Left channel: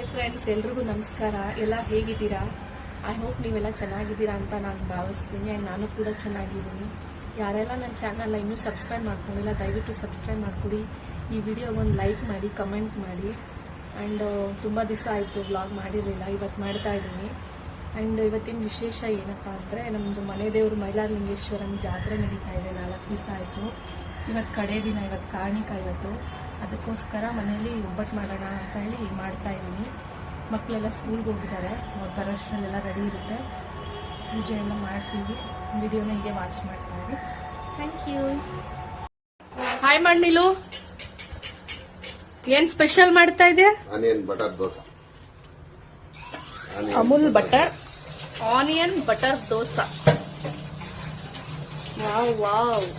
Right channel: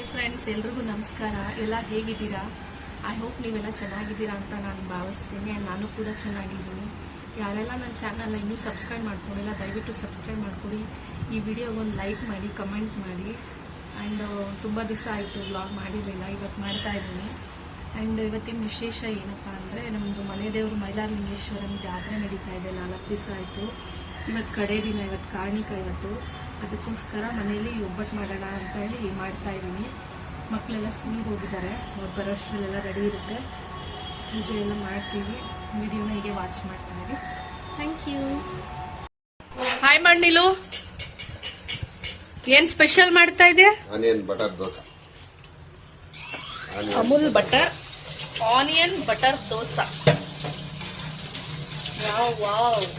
Hi friends, ಎಲ್ರಿಗೂ ನಮಸ್ಕಾರ. ಎಲ್ಲ ಹೇಗಿದ್ದೀರಾ? ಐ ಹೋಪ್ ನೀವೆಲ್ಲ ಚೆನ್ನಾಗಿದ್ದೀರಾ ಅಂತ ನಾನು ಭಾವಿಸ್ತೀನಿ. ಆ್ಯಂಡ್ ನಾನು ಕೂಡ ಚೆನ್ನಾಗಿದ್ದೀನಿ. ಯಾರೆಲ್ಲ ನನ್ನ ಚಾನಲ್ನ ಇನ್ನೂ ಸಬ್ಸ್ಕ್ರೈಬ್ ಮಾಡ್ಕೊಂಡಿಲ್ಲ, ದಯವಿಟ್ಟು ಸಬ್ಸ್ಕ್ರೈಬ್ ಮಾಡ್ಕೊಡಿ. ಈ ವಿಡಿಯೋಗೊಂದು ಲೈಕ್ ಮಾಡಿ, ಕಮೆಂಟ್ ಮಾಡಿ. ಆ್ಯಂಡ್ ತುಂಬ ದಿವಸ ಆಯಿತು ವ್ಲಾಗ್ ಮಾಡಿರಲಿಲ್ಲ, ಇವತ್ತು ಮಾಡ್ತಾ ಇದ್ದೀನಿ. ಆ್ಯಂಡ್ ಇವತ್ತಿನ ವಿಶೇಷ ಏನಪ್ಪ ಅಂದರೆ, ನಮ್ಮದು ಮನೆ ದೇವರು ಮೈಲಾರಲಿಂಗೇಶ್ವರನ ಜಾತ್ರೆ ನಡೀತಾ ಇದೆ. 4 ದಿವಸ ಆಯಿತು. ಇವತ್ತು ಕಡೆ ದಿನ, ಇವತ್ತು ಕಾರ್ಣಿಕ. ಇವತ್ತು ಅದಕ್ಕೋಸ್ಕರ ಮನೇಲಿ ಒಬ್ಬಟ್ಟು ಮಾಡೋಣ ಅಂತ ಹೇಳಿ ಮಾಡ್ತಾ ಇದ್ದೀನಿ. ಮಕ್ಕಳೆಲ್ಲ ಸ್ಕೂಲ್ಗೆ ಹೋಗಿದ್ದಾರೆ, ಅವ್ರು ಬರೋಷ್ಟರಲ್ಲೆಲ್ಲ ರೆಡಿ ಇರುತ್ತೆ. ಪೂಜೆ ಎಲ್ಲ ಮಾಡ್ತೀವಿ. ವಿಡಿಯೋನ ಹೀಗೆ ವಾಚ್ ಮಾಡ್ತಾ ಇರಿ. Thank you. ಹಾಯ್ ಮಣ್ಣಿಲು, ಏನ್ ಸ್ಪೆಷಲ್ ಮಾಡ್ತಾ ಇದೆಯಾ? Onion butter dosa. Amul butter onion butter dosa. Wow.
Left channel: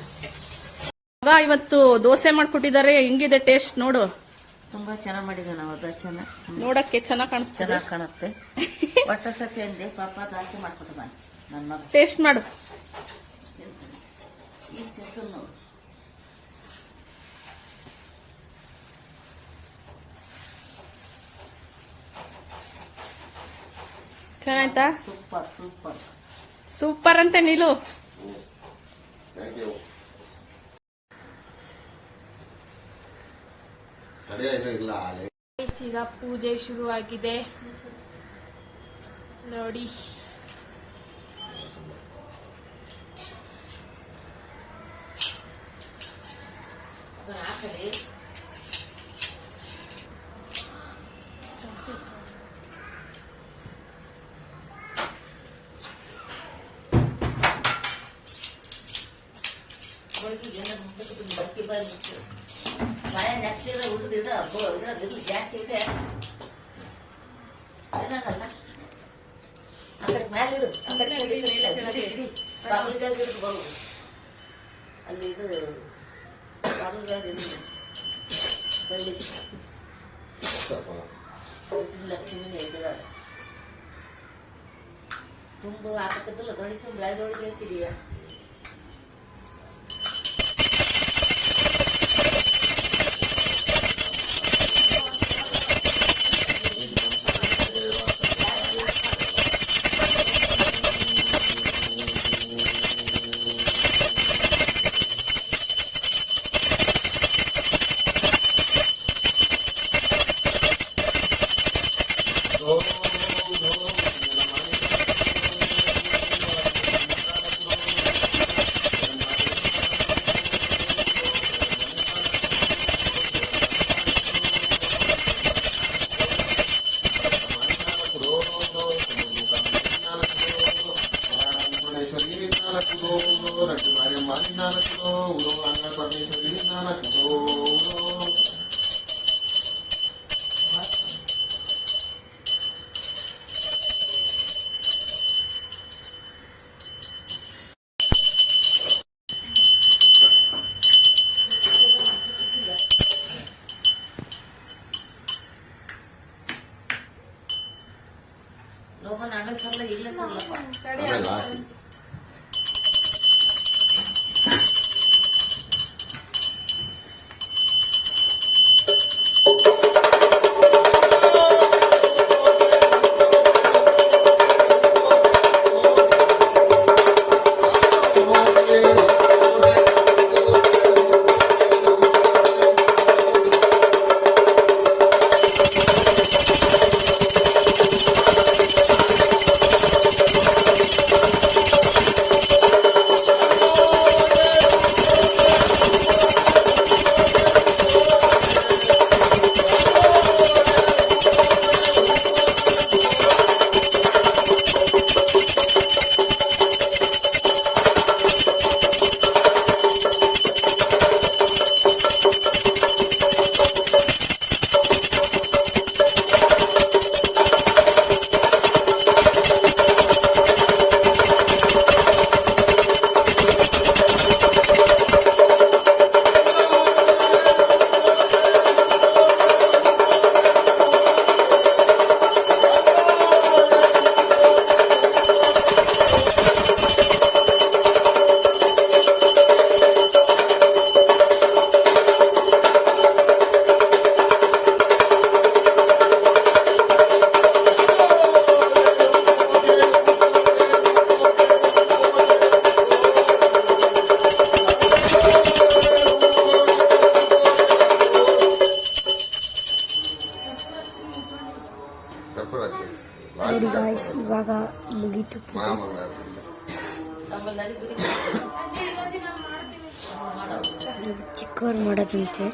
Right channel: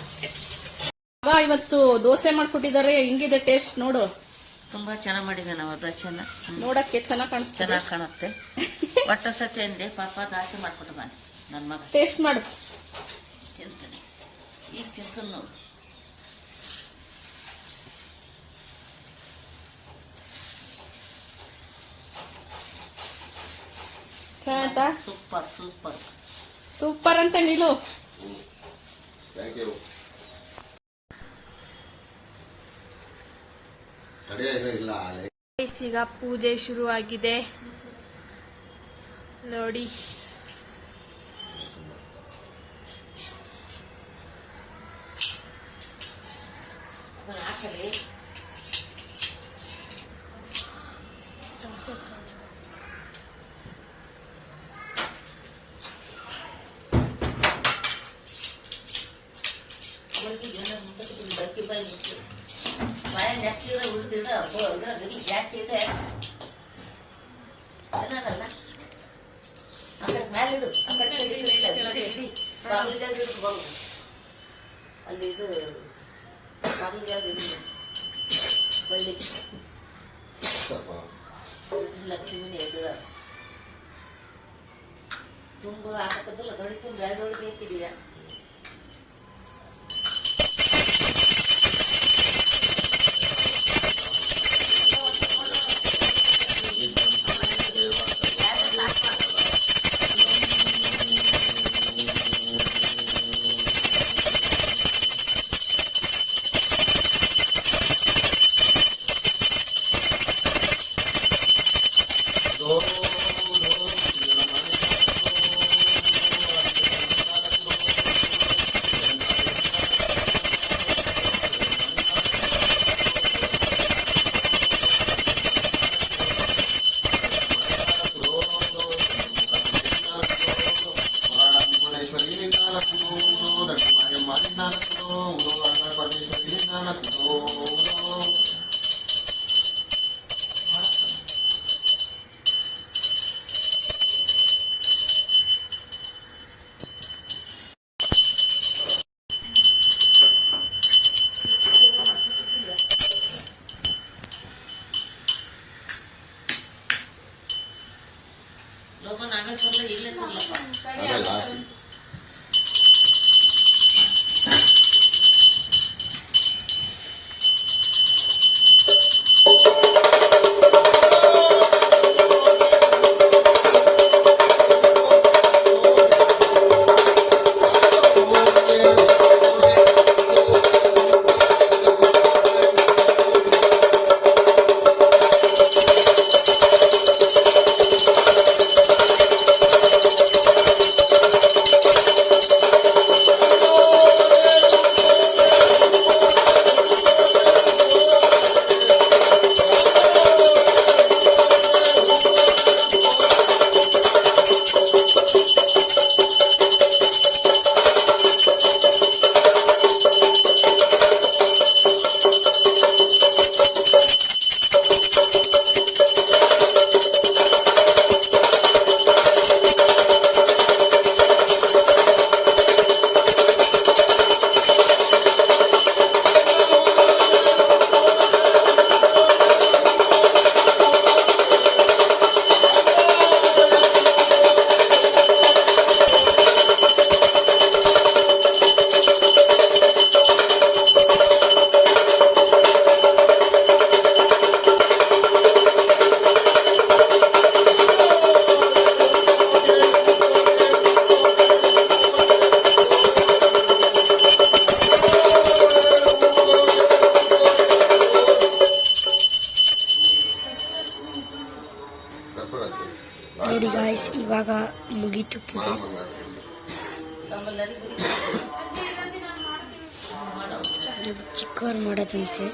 ಇವತ್ತು ದೋಸೆ ಮಾಡ್ಕೊಟ್ಟಿದ್ದಾರೆ. ಹೆಂಗಿದೆ ಟೇಸ್ಟ್ ನೋಡು. ತುಂಬಾ ಚೆನ್ನಾಗಿ ಮಾಡಿದೆ. ನಾವು ದೋಸೆನ ನೋಡಕ್ಕೆ ಚೆನ್ನಾಗಿ ಕಾಣುತ್ತೆ. ಒಟ್ಟ ಸತಿ ಅಂದೆ ಪಾಪ ದೋಸೆ ಮಾಡ್ಕೊಟ್ಟು ಬನ್ನಿ ನನ್ನ ಮಗ. ಟೇಸ್ಟ್ ಮಾಡು. ತಿಂತಾನೆ ಈಗ ತಿಂತ ನೋಡು. ಚೆನ್ನಾಯ್ತಾ? ಸೂಪರ್ ಸೂಪರ್ ಸೂಪರ್ ಅಂತ ನೀಲು. ಈಗ ಪೂಜೆ ಶುರುವಾಗಿದೆ ನೋಡಿ. ಮನೆ ನೆಕ್ಸ್ಟ್ ಉಳಿದಿಡ ಜಾಸ್ತಿ ಇದೆ ಏನಾಗಲ್ಲ. ಆ ಕಡೆ ಮೇಲೆ ಬರು ಅಲ್ಲಿ ಇದು ಬಳ್ಳಿ ಲಕ್ಷ್ಮಿನ ಎದುರ ತುಂಬ ಹಾಕತ್ತಲ್ಲ ದೊಡ್ಡ ತುಂಬ ಎರಡೊಳಗೆ ಐತಿದೀಯಾ. लोगों आगे सोले इल्ले सोले ನೋಡಿ ಗಾಯ್ಸ್, ಇವಾಗ ಮುಗೀತು ಪೂಜೆ. ಚಿಕ್ಕವ್ರು ಮಾಡೋದಂತೆ.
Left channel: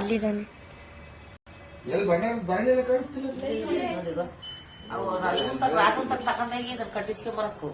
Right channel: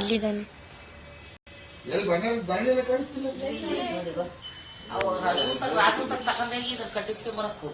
ಇಲ್ಲಿದ್ದಾನೆ. ಕಟ್ಟಿಸ್ಕೊಂಬರಕು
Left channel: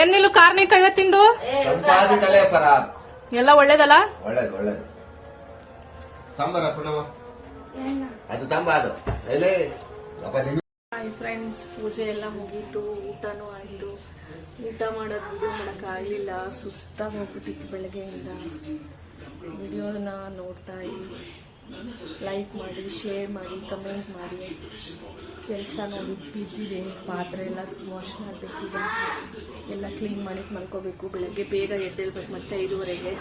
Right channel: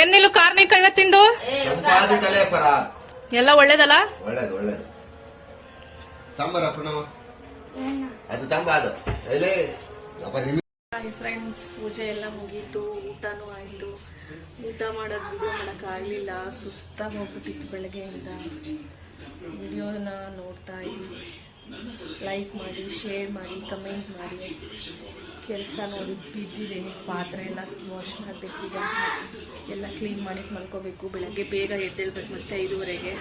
ಏನಿಲ್ಲ ಕಾರ್ಮಿಕ ಇವತ್ತಿಂದು ಸಂಪಾದಿತಲೇ ಪರಾಕ್. ಎಲ್ಲ ಒಳ್ಳೇದಲ್ಲ. ಒಳ್ಳೇದು ಒಳ್ಳೇದು. ತಂಬರ ಪುನಃ ಅದು ತಂಬ ಅದು ಎಲೆ ಅಪ್ಪ ನಿಮ್ಗೆ. ಹಾಯ್ ಫ್ರೆಂಡ್ಸ್, ಪೂಜೆ ಎಲ್ಲ ಮುಗೀತು, ಊಟನೂ ಆಯಿತು. ಊಟ ಮಾಡೋದು ವಿಡಿಯೋ ಮಾಡೋಕ್ಕಾಗಲಿಲ್ಲ, ಸುಸ್ತಾಗಿ ಹೋಗ್ಬಿಟ್ಟಿತ್ತು ಬೆಳಗ್ಗೆಯಿಂದ. ವಿಡಿಯೋನ ನೋಡ್ತಾ ಇರಿ, ಲೈಕ್ ಮಾಡಿ, ಶೇರ್ ಮಾಡಿ, ಕಮೆಂಟ್ ಮಾಡಿ. ಕೆಲಸ ನೋಡಿ ಬಿದ್ದಿದೆ, ಪಾತ್ರೆ ಎಲ್ಲ ವಾಶ್ ಮಾಡಬೇಕೀಗ, ಎಲ್ಲ ಕ್ಲೀನ್ ಮಾಡಿ ಮಲ್ಕೋಬೇಕು. ಬೆಳಗ್ಗೆ ಬೇಗ ಎದ್ದೇಳ್ಬೇಕು ಮತ್ತೆ 5:30ಗೆ,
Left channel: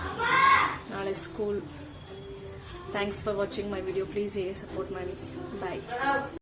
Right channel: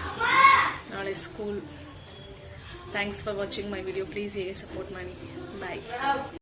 ನಾಳೆ school. Thanks for watching my video. Please ಹೀಗೆ ಸಪೋರ್ಟ್ ಮಾಡಿ. ಬಾಯ್.